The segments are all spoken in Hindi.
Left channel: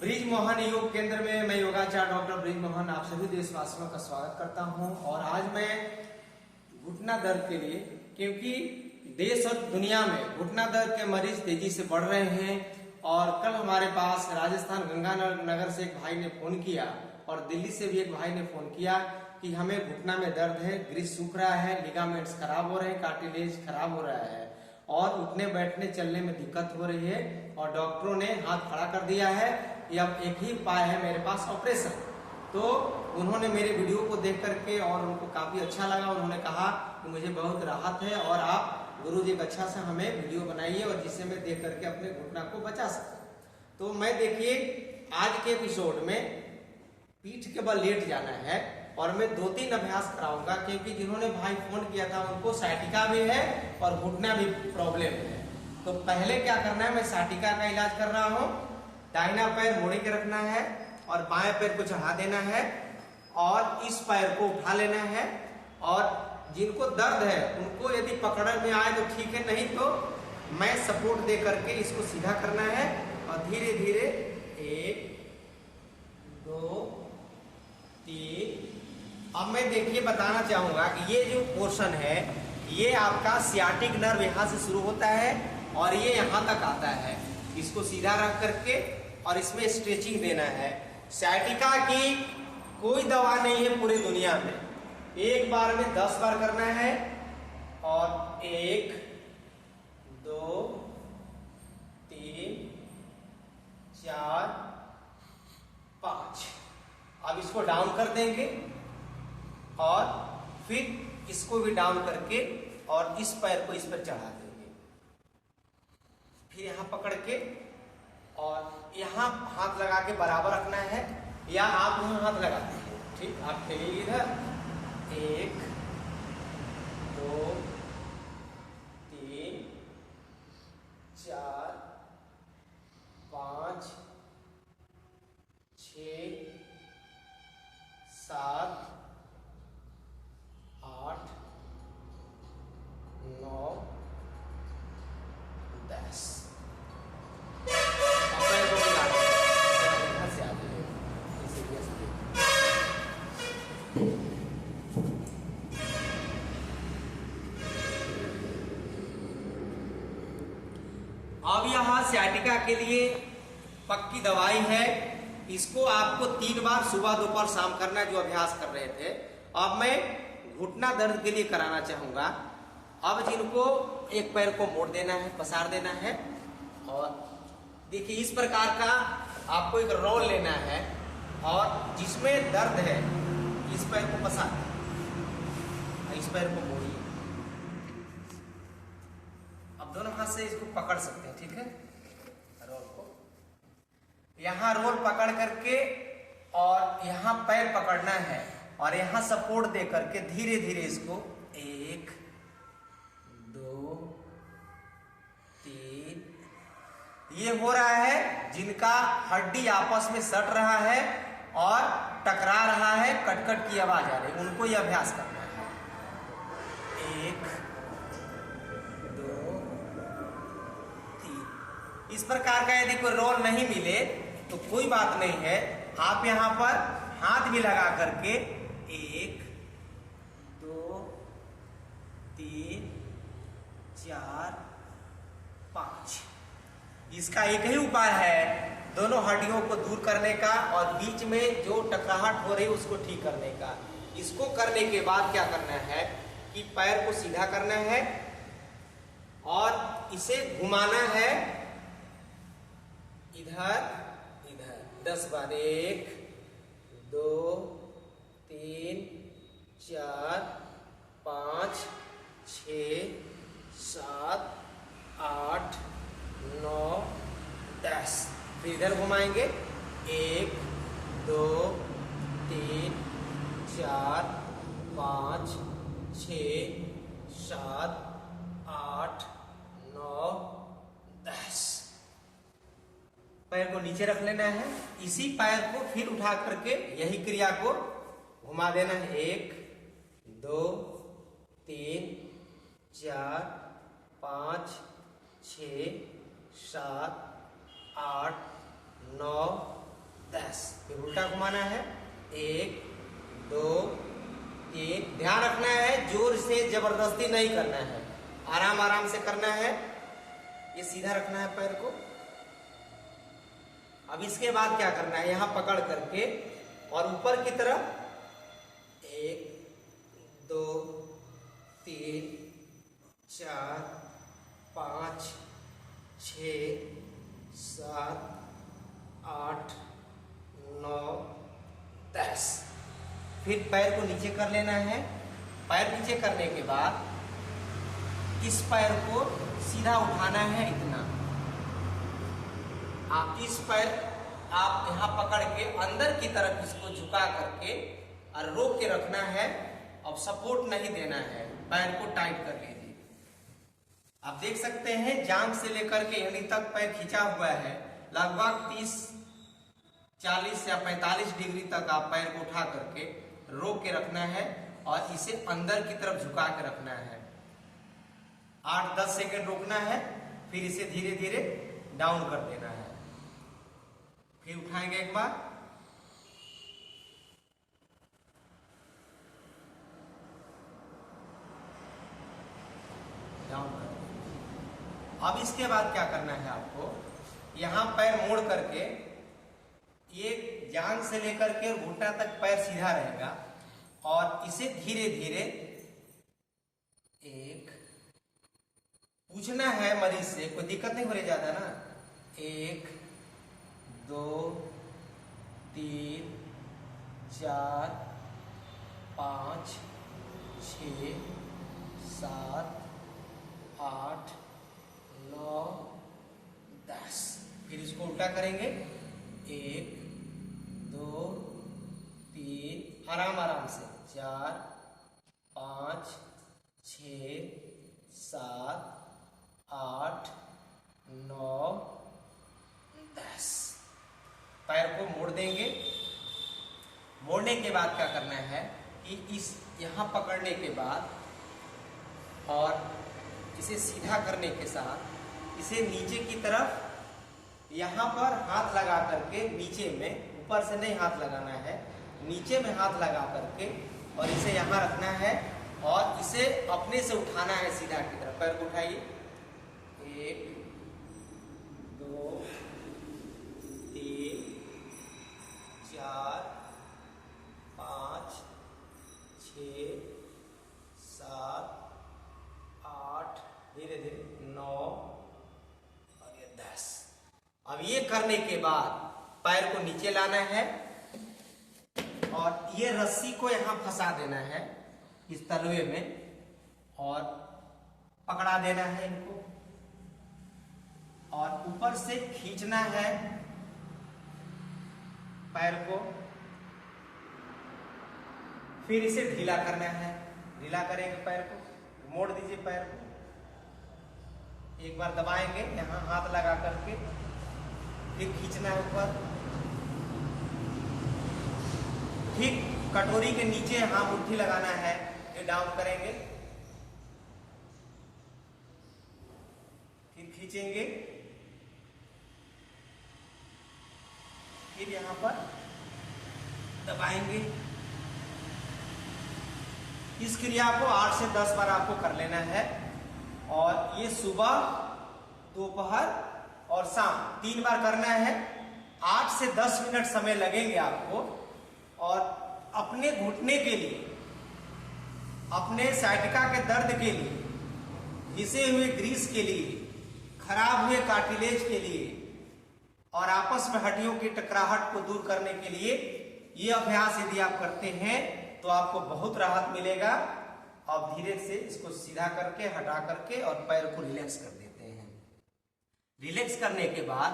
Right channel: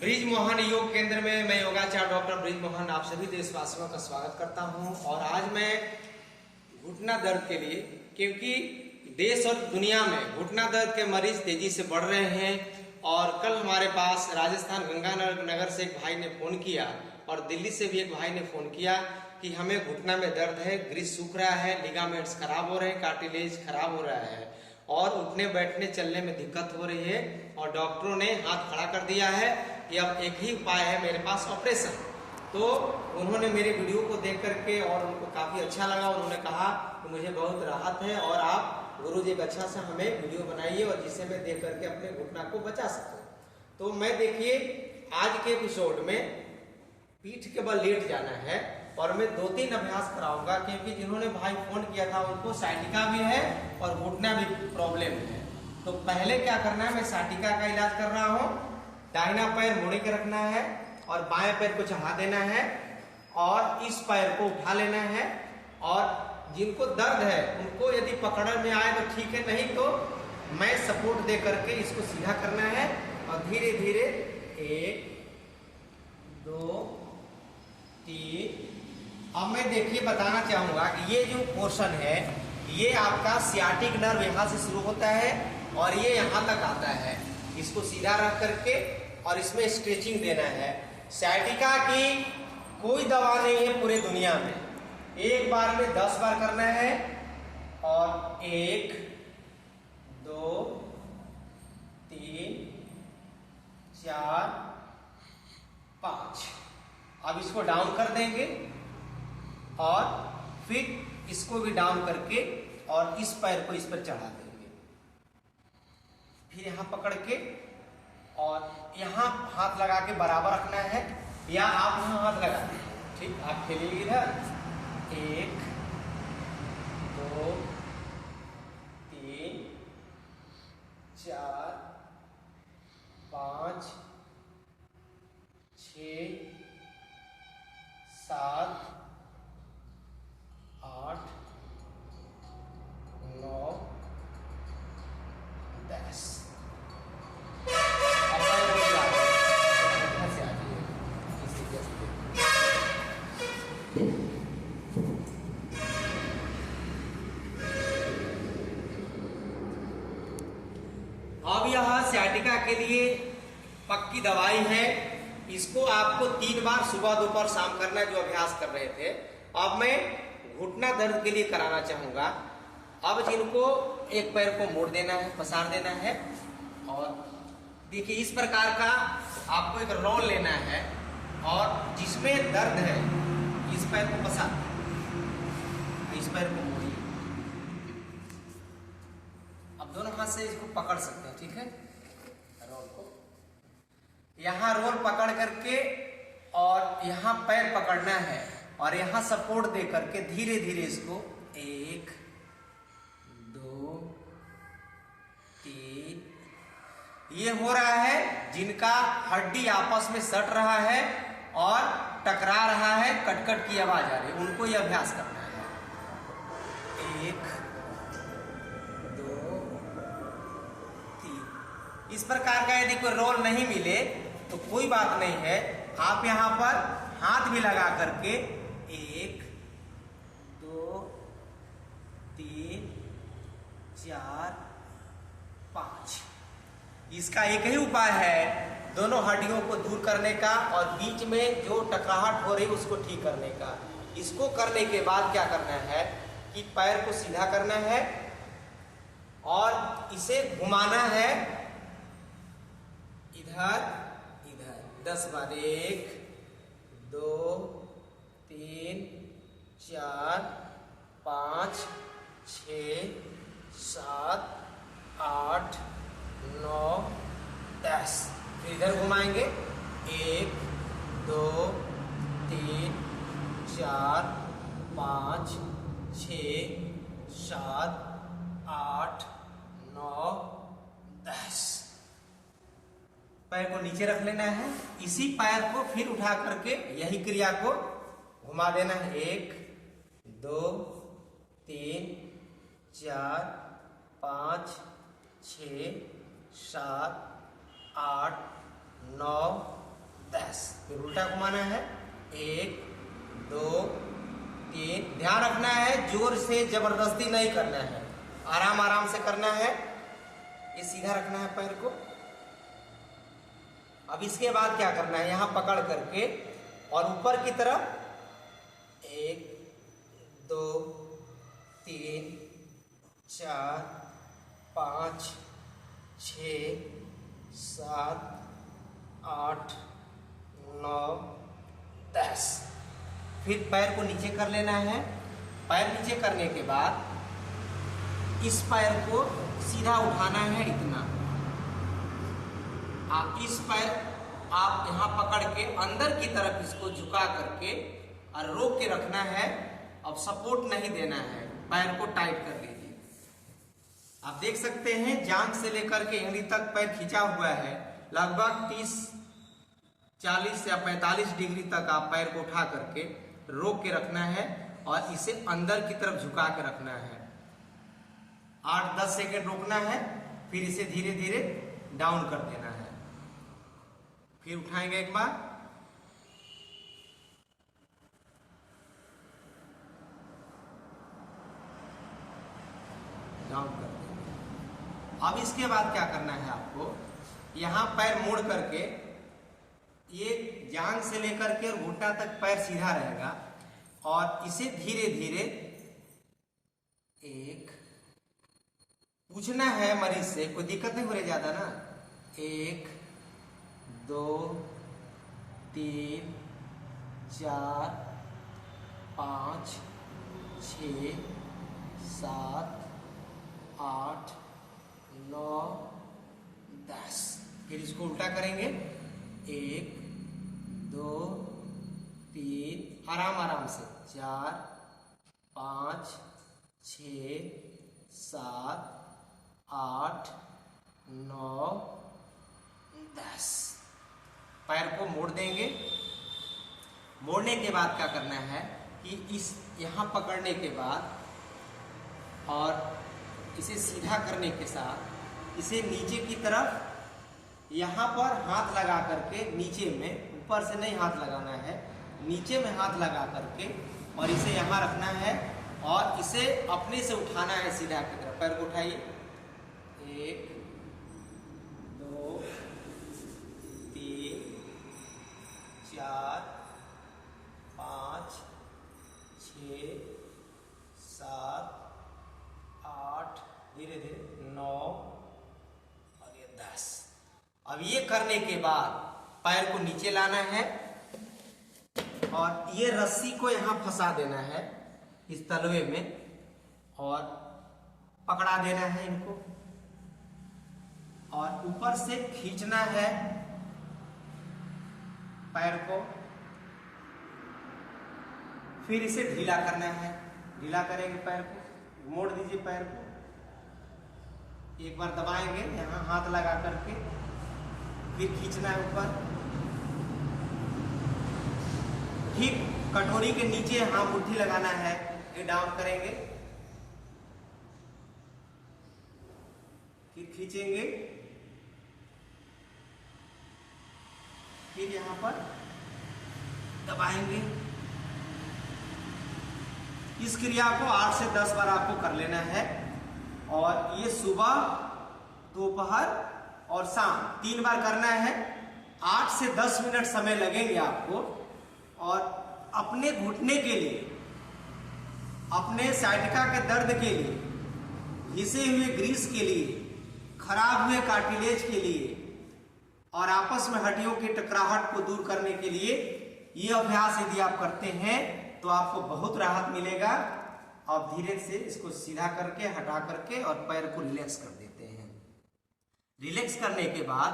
ब्रिज मोहन योग केंद्र में मैं योगाचार्य डॉक्टर ब्रिज मोहन आप सभी देशवासियों का स्वागत करता हूं। और आज मैं घुटना दर्द के लिए, क्योंकि देश और दुनिया में घुटना दर्द के मरीज तेजी से बढ़ रहे हैं। और कल हमारे पास राजस्थान गंगानगर से एक भाई ने फोन किया और दिल्ली से भी एक भाई ने फोन किया कि हमें घुटना में दर्द है, ग्रीस सूख रहा है, लिगामेंट्स खराब हो रहे हैं, कार्टिलेज खराब हो रहा है और उठने बैठने चलने में दिक्कत हो रही है। और डॉक्टरों ने हाथ खड़ा कर दिया है कि अब एक ही उपाय है मेरे पास, ऑपरेशन। तो उन्होंने मेरी वीडियो को देख करके और उनको काफी अच्छा लगा। उन्होंने कहा कि मुझे बहुत राहत है और आप गुरुजी एक अच्छा से हमें वीडियो बनाइए और जिसे मैं देख करके अपने घुटना को बचा सकूं। तो मैं देखिए आज के एपिसोड में पीठ के बल लेट जाना है और मैं 2-3 अभ्यास कराऊंगा, क्योंकि जिन्होंने भाई फोन किया था उनको साइटिका भी है और घुटना भी प्रॉब्लम है। तो पहले क्या करना है, मैं साइटिका का इलाज कर रहा हूँ। दाहिना पैर मोड़े के रखना है और बाएं पैर को चढ़ा देना है और इस पैर को उठा लेना है। और जिनको दर्द है उनको यदि पकड़ में आए तो ठीक है, नहीं तो मैं सपोर्ट दे करके इसको सीधा करना है और धीरे धीरे 1 2 3। अब मैं देखिए बताना चाहूंगा कि ये जो पोर्शन है ये आपका सियाटिक नर्व यहाँ से शुरू होता है और ये यहाँ तक आता है। इसको सीधा रख करके और इसमें स्ट्रेचिंग देना है। साइटिका की कोई दवा नहीं है पूरे दुनिया में। एक बार में 10 बार करना है और 1 2 3 4 5। अब इसको डाउन कर देंगे और फिर इसको भी डाउन करके और इस पैर को इस पर चढ़ा देंगे। फिर यहां पकड़ के और यहां हाथ लगा के बराबर रखना है, या आप यहां हाथ लगा दीजिए। ठीक, आप खेलिए इधर। 1 2 3 4 5 6 7 8 9 10। अब यहाँ सियाटिका के लिए पक्की दवाई है। इसको आपको 3 बार सुबह दोपहर शाम करना है, जो अभ्यास कर रहे थे। अब मैं घुटना दर्द के लिए कराना चाहूंगा। अब जिनको एक पैर को मोड़ देना है, पसार देना है और देखिए इस प्रकार का आपको एक रोल लेना है और जिसमें दर्द है इस पैर को पसार, इस पैर को मोड़िए। अब दोनों हाथ से इसको पकड़ सकते हैं, ठीक है। रोल को यहां रोल पकड़ करके और यहां पैर पकड़ना है और यहां सपोर्ट दे करके धीरे धीरे इसको 1 2 3। ये हो रहा है जिनका हड्डी आपस में सट रहा है और टकरा रहा है, कटकट की आवाज आ रही, उनको ये अभ्यास करना है। 1 2 3। इस प्रकार का यदि कोई रोल नहीं मिले तो कोई बात नहीं है, आप यहां पर हाथ भी लगा करके 1 2 3 4 5। इसका एक ही उपाय है दोनों हड्डियों को दूर करने का और बीच में जो टकराहट हो रही है उसको ठीक करने का। इसको करने के बाद क्या करना है कि पैर को सीधा करना है और इसे घुमाना है इधर इधर 10 बार। 1 2 3 4 5 6 7 8 9 10। फिर इधर घुमाएंगे 1 2 3 4 5 6 7 8 9 10। पैर को नीचे रख लेना है। इसी पैर को फिर उठा करके यही क्रिया को घुमा देना है। 1 2 3 4 5 6 7 8 9 फिर उल्टा घुमाना है, 1 2 3। ध्यान रखना है जोर से जबरदस्ती नहीं करना है, आराम आराम से करना है। ये सीधा रखना है पैर को। अब इसके बाद क्या करना है, यहां पकड़ करके और ऊपर की तरफ 1 2 3 4 5 6 7 8 9 10। फिर पैर को नीचे कर लेना है। पैर नीचे करने के बाद इस पैर को सीधा उठाना है इतना। आप इस पैर आप यहां पकड़ के अंदर की तरफ इसको झुका करके और रोक के रखना है। अब सपोर्ट नहीं देना है, पैर को टाइट कर लीजिए। आप देख सकते हैं जांघ से लेकर के एड़ी तक पैर खींचा हुआ है। लगभग 30 40 या 45 डिग्री तक आप पैर को उठा करके रोक के रखना है और इसे अंदर की तरफ झुका के रखना है। 8-10 सेकंड रोकना है, फिर इसे धीरे धीरे डाउन कर देना है। फिर उठाएंगे एक बार, डाउन कर देना। अब इसके बाद क्या करना है आपको, यहां पैर मोड़ करके ये जांघ से लेकर के घुटना तक पैर सीधा रहेगा और इसे धीरे धीरे एक पूछना है मरीज से, कोई दिक्कत नहीं हो रही ज्यादा ना। 1 2 3 4 5 6 7 8 9 10। फिर इसको उल्टा करेंगे, 1 2 3, आराम आराम से 4 5 6 7 8 9 10। पैर को मोड़ देंगे। मोड़ने के बाद क्या करना है कि इस यहां पकड़ने के बाद और इसे सीधा करने के साथ इसे नीचे की तरफ यहां पर हाथ लगा करके नीचे में, ऊपर से नहीं हाथ लगाना है, नीचे में हाथ लगा करके और इसे यहां रखना है और इसे अपने से उठाना है सीधा की तरफ। पैर को उठाइए, 1 2 3 4 5 6 7 8, धीरे धीरे 9 और ये 10। अब ये करने के बाद पैर को नीचे लाना है और ये रस्सी को यहां फंसा देना है इस तलवे में और पकड़ा देना है इनको और ऊपर से खींचना है पैर को। फिर इसे ढीला करना है। ढीला करेंगे पैर को, मोड़ दीजिए पैर को, एक बार दबाएंगे यहां हाथ लगा करके, फिर खींचना है ऊपर। ठीक कटोरी के नीचे यहां मुट्ठी लगाना है, फिर डाउन करेंगे, फिर खींचेंगे, फिर यहां पर दबाएंगे। इस क्रिया को 8 से 10 बार आपको कर लेना है और ये सुबह, दोपहर और शाम 3 बार करना है। 8 से 10 मिनट समय लगेंगे आपको और अपने घुटने के लिए, अपने साइटिका के दर्द के लिए, घिसे हुए ग्रीस के लिए, खराब हुए कार्टिलेज के लिए और आपस में हड्डियों की टकराहट को दूर करने के लिए ये अभ्यास यदि आप करते हैं तो आपको बहुत राहत मिलेगा। आप धीरे से इसको सीधा करके, हटा करके और पैर को रिलैक्स कर देते हैं। रिलैक्स करने के बाद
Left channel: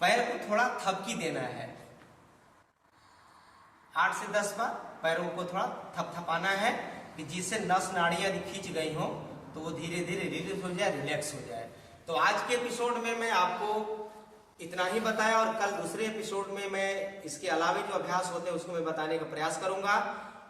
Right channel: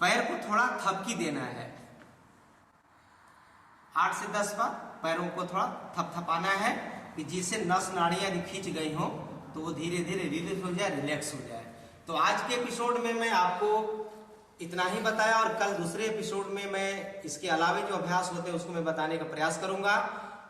पैर को थोड़ा थपकी देना है। 8 से 10 बार पैरों को थोड़ा थपथपाना है कि जिससे नस नाड़ियां यदि खींच गई हो तो वो धीरे धीरे रिलीज हो जाए, रिलैक्स हो जाए। तो आज के एपिसोड में मैं आपको इतना ही बताया और कल दूसरे एपिसोड में मैं इसके अलावा जो अभ्यास होते हैं उसको मैं बताने का प्रयास करूंगा।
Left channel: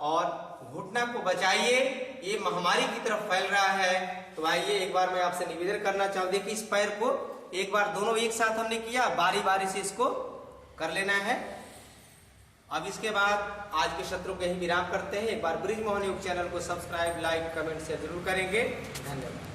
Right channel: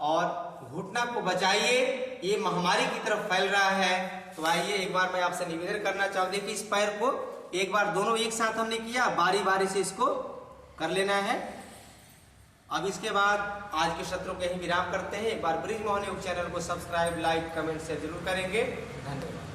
और घुटना को बचाइए, ये महामारी की तरफ फैल रहा है। तो आइए एक बार मैं आपसे निवेदन करना चाहूंगी कि इस पैर को एक बार दोनों एक साथ हमने किया, बारी बारी से इसको कर लेना है। अब इसके बाद आज के सत्रों को यही विराम करते हैं। एक बार ब्रिज मोहन योग चैनल को सब्सक्राइब, लाइक, कमेंट से जरूर करेंगे। धन्यवाद।